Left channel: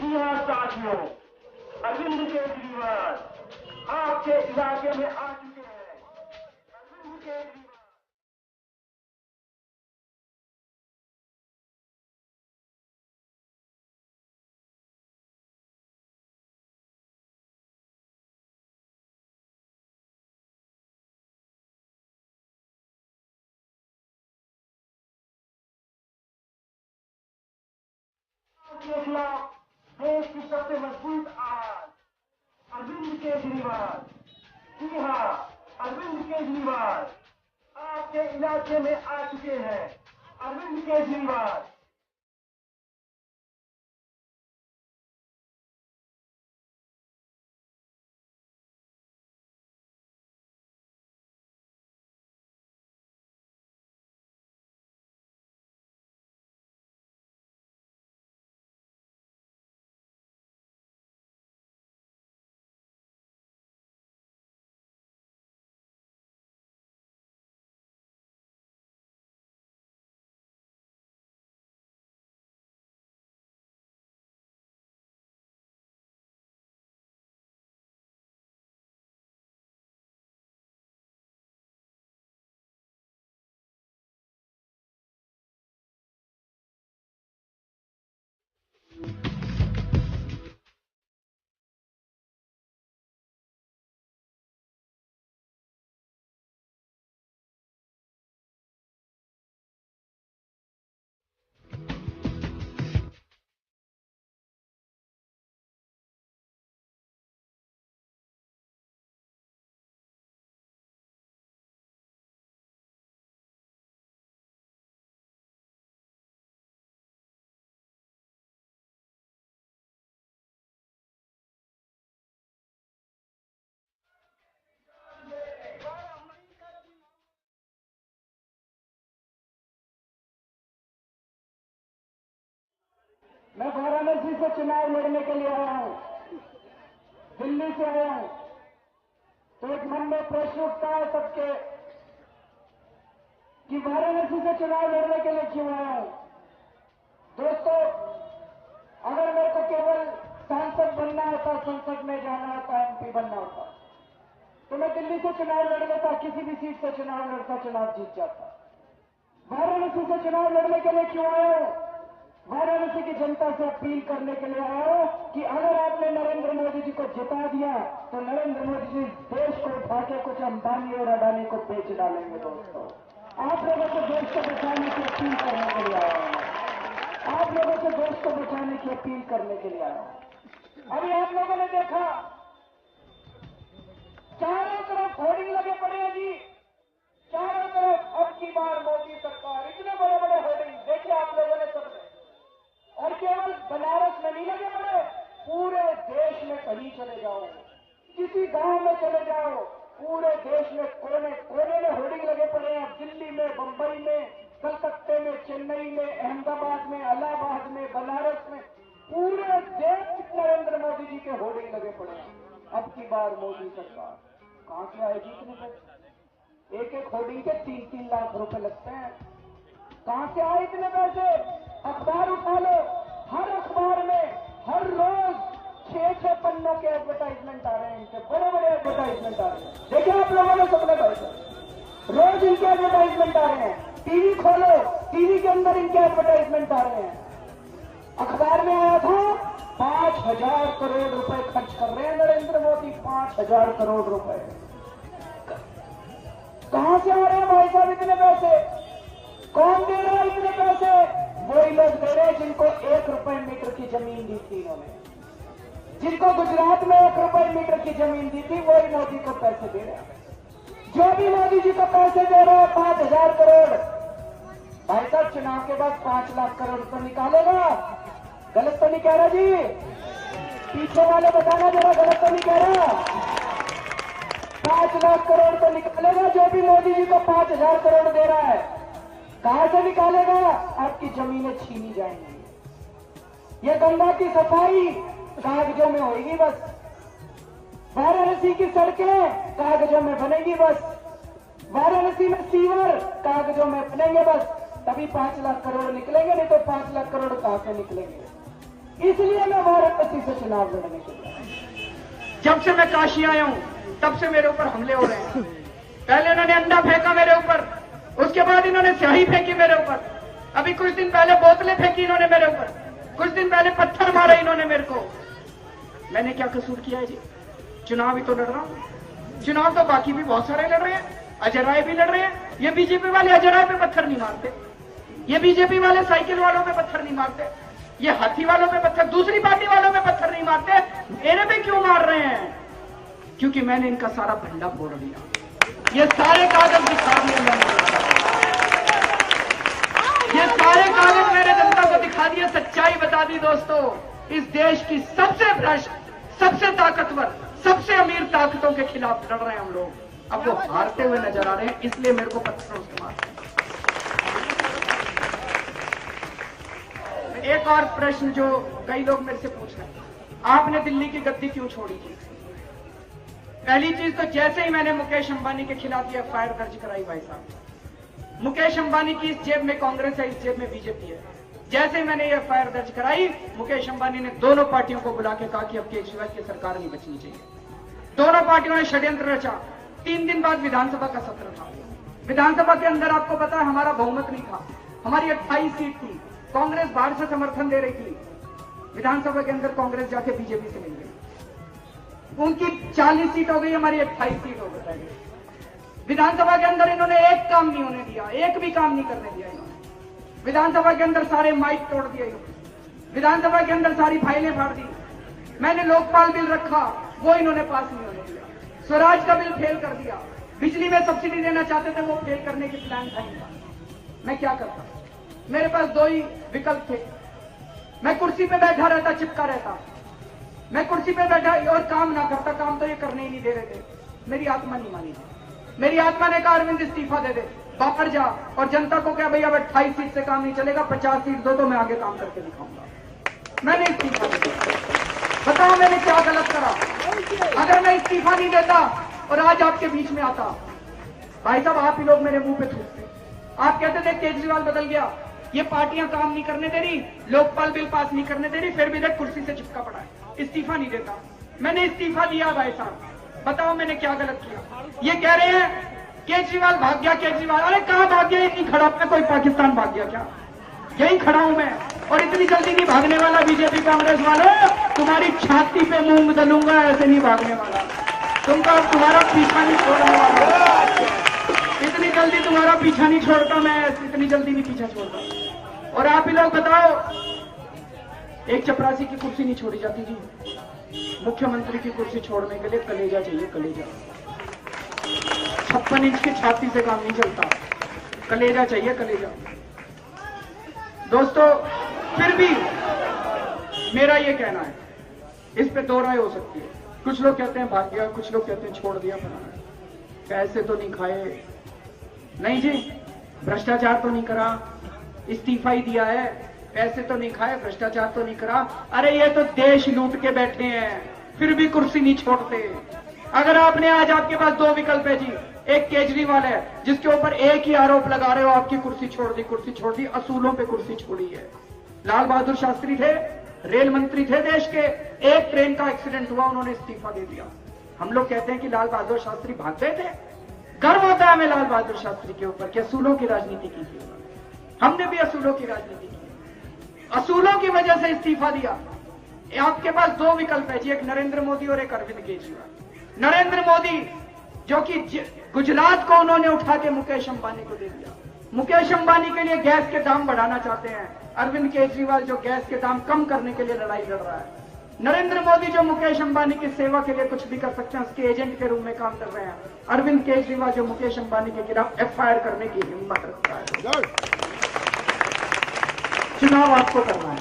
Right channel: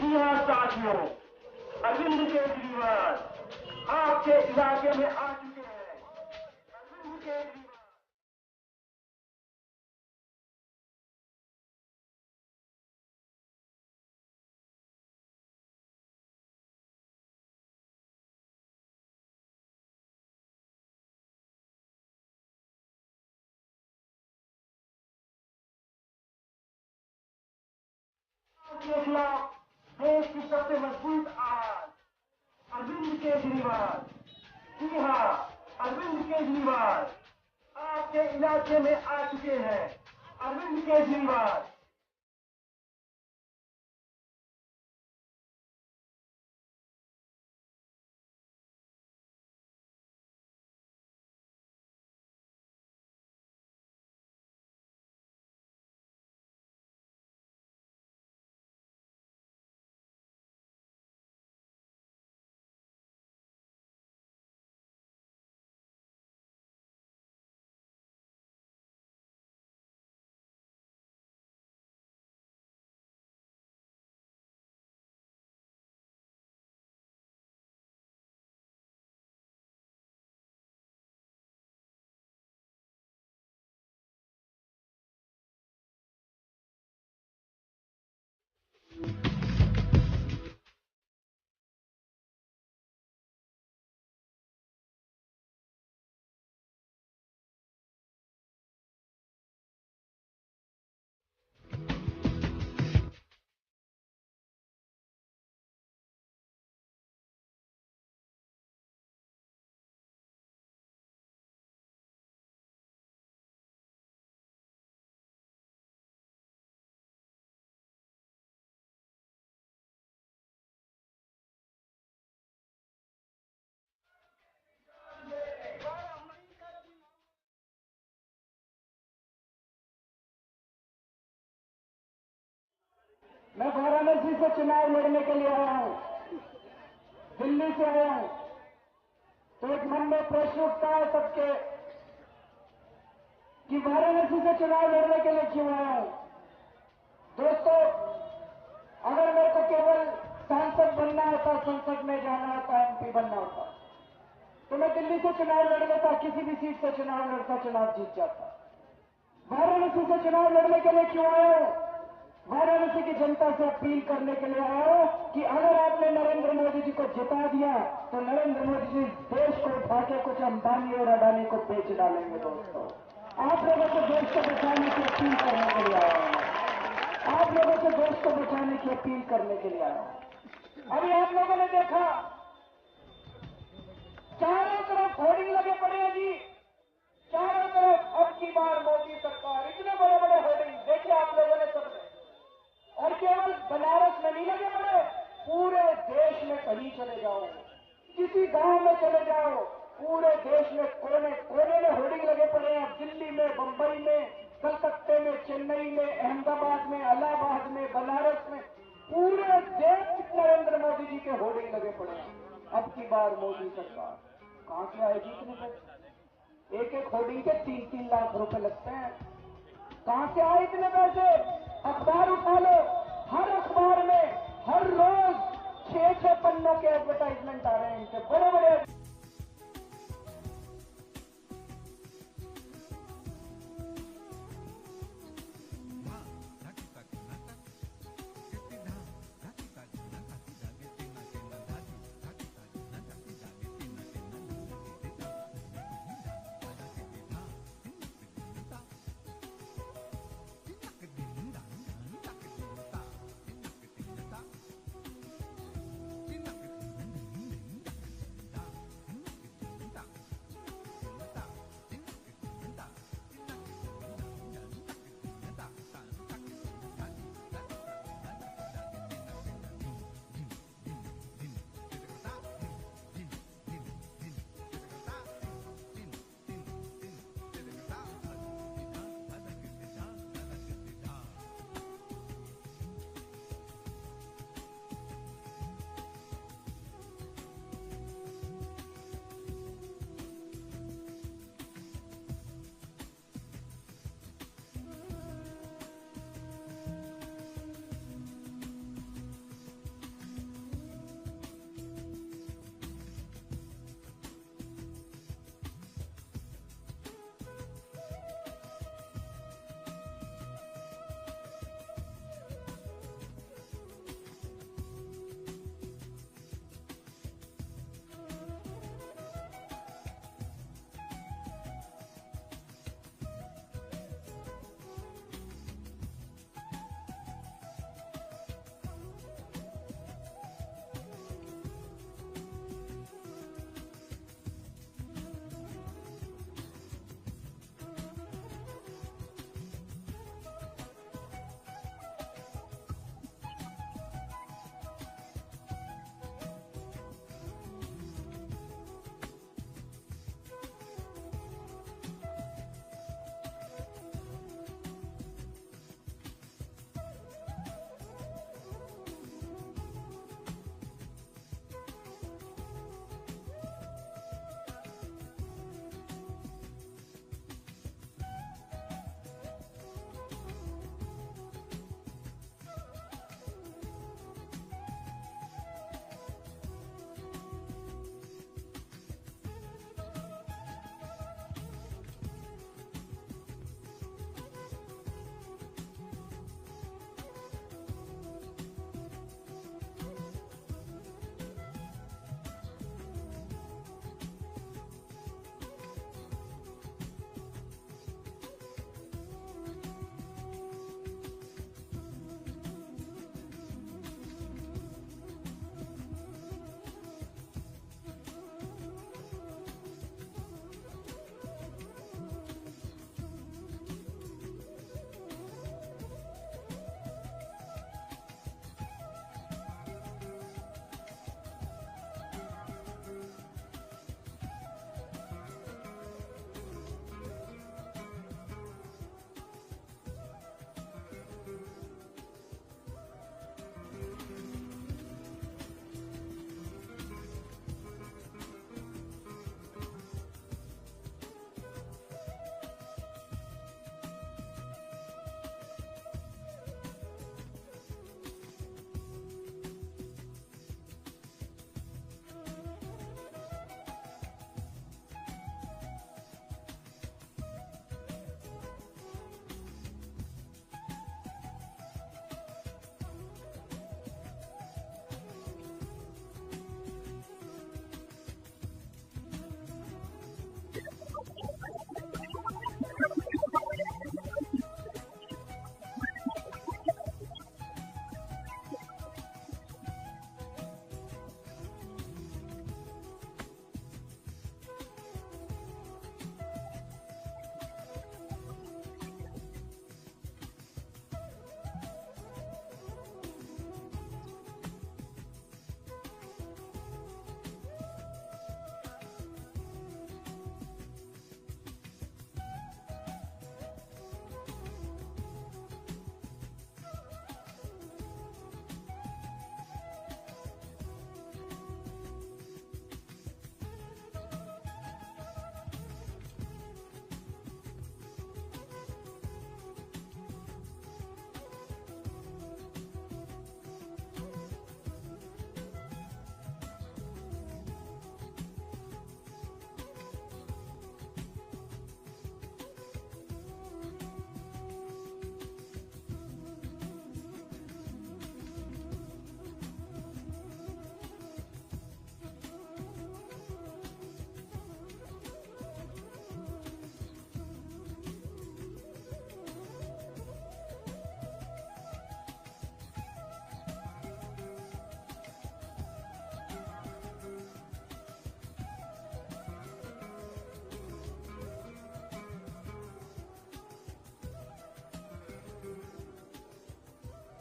जी हाँ साथियों, अरविंद केजरीवाल आपके इलाके में आ चुके हैं। अरविंद केजरीवाल के खिलाफ देश की सबसे मजबूत आवाज अरविंद केजरीवाल। जी हाँ, अरविंद केजरीवाल आपके इलाके में आ चुके हैं। अरविंद केजरीवाल मैं वाराणसी से चुनाव लड़ने के लिए आया हूं, दिल्ली से आया हूं। तो एक मन में प्रश्न उठता है सबके कि वाराणसी से चुनाव लड़ने के लिए क्यों आया हूं। दोस्तों, अगर मेरे को केवल सांसद बनना होता, संसद में जाना होता, एमपी बनना होता, तो मैं दिल्ली से चुनाव लड़ लेता, किसी भी सीट से चुनाव लड़ता, चुनाव जीत जाता। वाराणसी से चुनाव लड़ने के लिए क्यों आया हूं? वाराणसी की जनता से अपील करने के लिए आया हूं कि अगर आपने नरेंद्र मोदी जी को जिता दिया तो नरेंद्र मोदी जी देश को उठा के कुछ अंबानी और अडानी को बेच डालेंगे। दोस्तों, आप लोगों को देश को बचाने की अपील करने के लिए आया हूं। आप लोगों को देश को बचाने की अपील करने के लिए आया हूं। अभी आप लोगों ने देखा चारों तरफ होर्डिंग लगे पड़े हैं जी, चारों तरफ अब की बार मोदी सरकार, इतने बड़े बड़े होर्डिंग देखिए आप लोगों ने सबने। और केवल बनारस में नहीं लगे पड़े, पूरे देश में कहीं चले जाओ, किसी गांव में चले जाओ, पूरे देश में कोने कोने में होर्डिंग लगे पड़े हैं। दिल्ली में, बंबई में, कलकत्ते में, चेन्नई में, अहमदाबाद में, इलाहाबाद में, बनारस में, पूरे देश में नरेंद्र मोदी जी के होर्डिंग लगे पड़े हैं। अब की बार मोदी सरकार कहां से आएगी इतने पैसे? एक एक होर्डिंग के 3-3 लाख रुपए लगते हैं। कहां से आए इतने पैसे? अखबार उठा लो, हर अखबार में हर रोज 6-6 पन्नों के एडवर्टाइजमेंट आ रहे हैं, इनके बड़े बड़े एडवर्टाइजमेंट आ रहे हैं। देखिए आप लोगों ने सबने पैसे, रोज इनके एडवर्टाइजमेंट आ रहे हैं। टीवी खोलो, टीवी के अंदर इनके एडवर्टाइजमेंट आ रहे हैं। अखबार में आया था 5,000 करोड़ रुपए खर्च कर रहे हैं नरेंद्र मोदी, 5,000 करोड़ रुपए। कहां से आ रहे हैं भाई साहब इतने पैसे? कौन दे रहा है इतने पैसे? वही लोग दे रहे हैं जिनको 1 रुपए मीटर की जमीन दी थी इन्होंने, जिनको गुजरात में 1 रुपए मीटर की जमीन दी थी, वही मोदी को पैसे दे रहे हैं। जो भी मोदी जी को पैसे दे रहे हैं 5,000 करोड़, भाई साहब चुनाव के बाद 5 लाख करोड़ तो निकालेगा। गलत तो नहीं कह रहा जी? पीछे वाले बताना जरा, गलत तो नहीं कह रहा? 5 लाख करोड़ तो निकालेगा जो भी मोदी जी को 5,000 करोड़ दे रहा है। कहां से निकालेगा? आपकी जमीनें छीनी जाएंगी। ये गंगा की सफाई कागजों में होगी बस, वाराणसी की सड़कें कागजों में बनेगी बस, वाराणसी में सीवर कागजों में बनेंगे बस, तभी 5 लाख करोड़ निकलेंगे, नहीं तो 5 लाख करोड़ कहां से निकलेंगे? इसलिए मैं वाराणसी से चुनाव लड़ने के लिए। जब से मैं काशी आया हूं तब से मेरे ऊपर हमले हो रहे हैं। पहले इन्होंने अंडा फेंका मेरे ऊपर, उसके बाद इन्होंने स्याही फेंकी मेरे ऊपर, अभी कुछ दिन पहले बोतलें फेंकी इन्होंने मेरे ऊपर, कुछ दिन पहले पत्थर मारे इन्होंने मेरे को। मैंने क्या कसूर किया है जी? चुनाव ही तो लड़ रहा हूं। चुनाव तो बाकी भी बहुत सारे लड़ रहे हैं, अजय राय भी लड़ रहे हैं। ये बीजेपी वाले अजय राय पे पत्थर नहीं मारते, ये बीजेपी वाले साइकिल वालों पे पत्थर नहीं मारते, ये हाथी वालों पे पत्थर, दूसरी पार्टी वालों पे पत्थर नहीं मारते। मेरे पे क्यों मार रहे हैं? क्योंकि मैंने इनका सारा भंडा फोड़ दिया, ये सारे कागज दिखा दिए मैंने, ये सारे कागज मैंने जनता को दिखा दिए, सच्चाई बता दी। दोस्तों, इस देश की सबसे भ्रष्ट, सबसे ताकतवर, सबसे अमीर ताकतों के खिलाफ लड़ रहे हैं हम लोग। अब वो हारते हुए नजर आ रहे हैं, इसलिए मेरे को पत्थरों से मारते हैं। एक और प्रश्न जो कई लोग मेरे से पूछ रहे हैं, आपने दिल्ली की गद्दी क्यों छोड़ी थी? पहली चीज तो जैसे ही मैंने मुकेश अंबानी के खिलाफ ये एफआईआर दर्ज कराई, भाई साहब, मुकेश अंबानी की इस जेब में कांग्रेस है, इस जेब में बीजेपी है। जैसे ही मैंने ये एफआईआर दर्ज कराई, मुकेश अंबानी ने दोनों पार्टियों को बुला के कहा कि अब केजरीवाल की सरकार नहीं बचनी चाहिए। दोनों पार्टियों ने षड्यंत्र रचा। 3 दिन बाद विधानसभा का सत्र था। विधानसभा के अंदर आपको पता है हमारा बहुमत नहीं था, हमारी 28 सीट थी, कांग्रेस बाहर से समर्थन दे रही थी। विधानसभा के अंदर कांग्रेस जाके बीजेपी से मिल गई, उनकी 40 सीट हो गई, हमारी 28 सीट हो गई। विधानसभा के अंदर इन्होंने एक काम नहीं होने दिया, एक भी काम नहीं करने दिया इन्होंने। विधानसभा के अंदर सारे माइक तोड़ दिए, विधानसभा के अंदर सारी फाइलें फाड़ दी। मैंने लोकपाल बिल रखा, वो इन्होंने पास नहीं होने दिया। स्वराज का बिल फेल कर दिया, बिजली में सब्सिडी देना चाहते थे, वो फेल करने की प्लान था। मैं क्या करता? मेरे पास 2 ही विकल्प थे। मैं कुर्सी पे बैठा रहता, चिपका रहता, मैं कुर्सी पे बैठा और काम ना करता। काम तो ये करने ही नहीं दे रहे थे, मेरी आत्मा नहीं मानी। मेरी आत्मा ने कहा अरविंद इस्तीफा दे दे, बाहर जा और जनता को क्या भैया अब 28 सीट से काम नहीं चलेगा, 50 सीट दो तो मैं आगे काम करके दिखाऊंगा। मैंने इस्तीफा दे दिया। बताओ मैंने क्या गलत करा? अगर मैं इस्तीफा नहीं देता और आज आपके बीच में आता, भाई साहब आप ही लोग मेरे मुंह पे थूकते। आप कहते थे केजरीवाल बदल गया, ये पार्टियां काम नहीं करने दे रही, लोकपाल बिल पास नहीं करने दे रही, फिर भी देख कुर्सी से चिपका पड़ा है, इस्तीफा नहीं देता। मैंने इस्तीफा दिया। भाई साहब बताओ मैंने क्या गलत किया? ये कह रहे हैं केजरीवाल भाग गया, केजरीवाल, अरे कहां भाग गया? इतनी खड़ा मैं कोई पाकिस्तान भाग गया क्या? यही खड़ा हूं मैं, और इतनी जल्दी नहीं भागने वाला। बीजेपी कांग्रेस वालों, तुम्हारी छाती पे मूंग दलूंगा, ऐसे नहीं भागने वाला। तुमका तुम्हारा पीछा नहीं छोड़ने वाला, इतनी जल्दी तुम्हारा पीछा नहीं छोड़ता मैं, इतनी जल्दी नहीं पीछा छोड़ता। और आप ही लोग बताओ, एक चपरासी की कुर्सी नहीं छोड़ी जाती जी, मुख्यमंत्री की कुर्सी छोड़ने के लिए कलेजा चाहिए, कलेजा। 56 इंच की छाती से काम नहीं चलता, कलेजा चाहिए, कलेजा। दोस्तों फिर भी मेरा ये कहना है, इस पे 2 राय हो सकती है। कुछ लोग कहते हैं भाग गया, कुछ लोग कहते हैं छोड़ दिया। पैसे तो नहीं खाए, नहीं जी, भ्रष्टाचार तो नहीं करा, इस्तीफा ही दिया है, पैसे तो नहीं खाए, भ्रष्टाचार तो नहीं करा। अरे ये तो देश लूट के बैठे हैं, फिर भी कुर्सी नहीं छोड़ते। अगर आपने आज, आपके पास 2 विकल्प है जी, एक केजरीवाल है जिसके ऊपर एक ही आरोप लगा रहे हो, आपकी कुर्सी छोड़ दी, कुर्सी छोड़ दी, असूलों पे कुर्सी छोड़ी है। लाल बहादुर शास्त्री थे, रेल मंत्री थे देश के, एक ट्रेन का एक्सीडेंट हुआ, उन्होंने इस्तीफा दे दिया। हम लोग कहते हैं कि लाल बहादुर शास्त्री भाग गए थे। गर्व होता है हमें लाल बहादुर शास्त्री के ऊपर कि असूलों की राजनीति की थी। हमने भी असूलों की राजनीति की, असूलों की वजह से इस्तीफा दिया। आपके पास 2 विकल्प है जी, एक नरेंद्र मोदी और एक अरविंद केजरीवाल। नरेंद्र मोदी जो कि गुजरात को उन्होंने उठा के मुकेश अंबानी को दे दिया, मुकेश अंबानी के लिए गैस के दाम बढ़ाना चाहते हैं। अरविंद केजरीवाल जो गैस के दाम कम करने के लिए लड़ाई लड़ रहा है। नरेंद्र मोदी जो मुकेश अंबानी की सेवा के लिए कुछ भी कर सकते हैं, उसके एजेंट के रूप में काम कर रहे हैं। अरविंद केजरीवाल जो मुकेश अंबानी के खिलाफ एफआईआर करने की हिम्मत रखता है। चुनाव आपको करना है।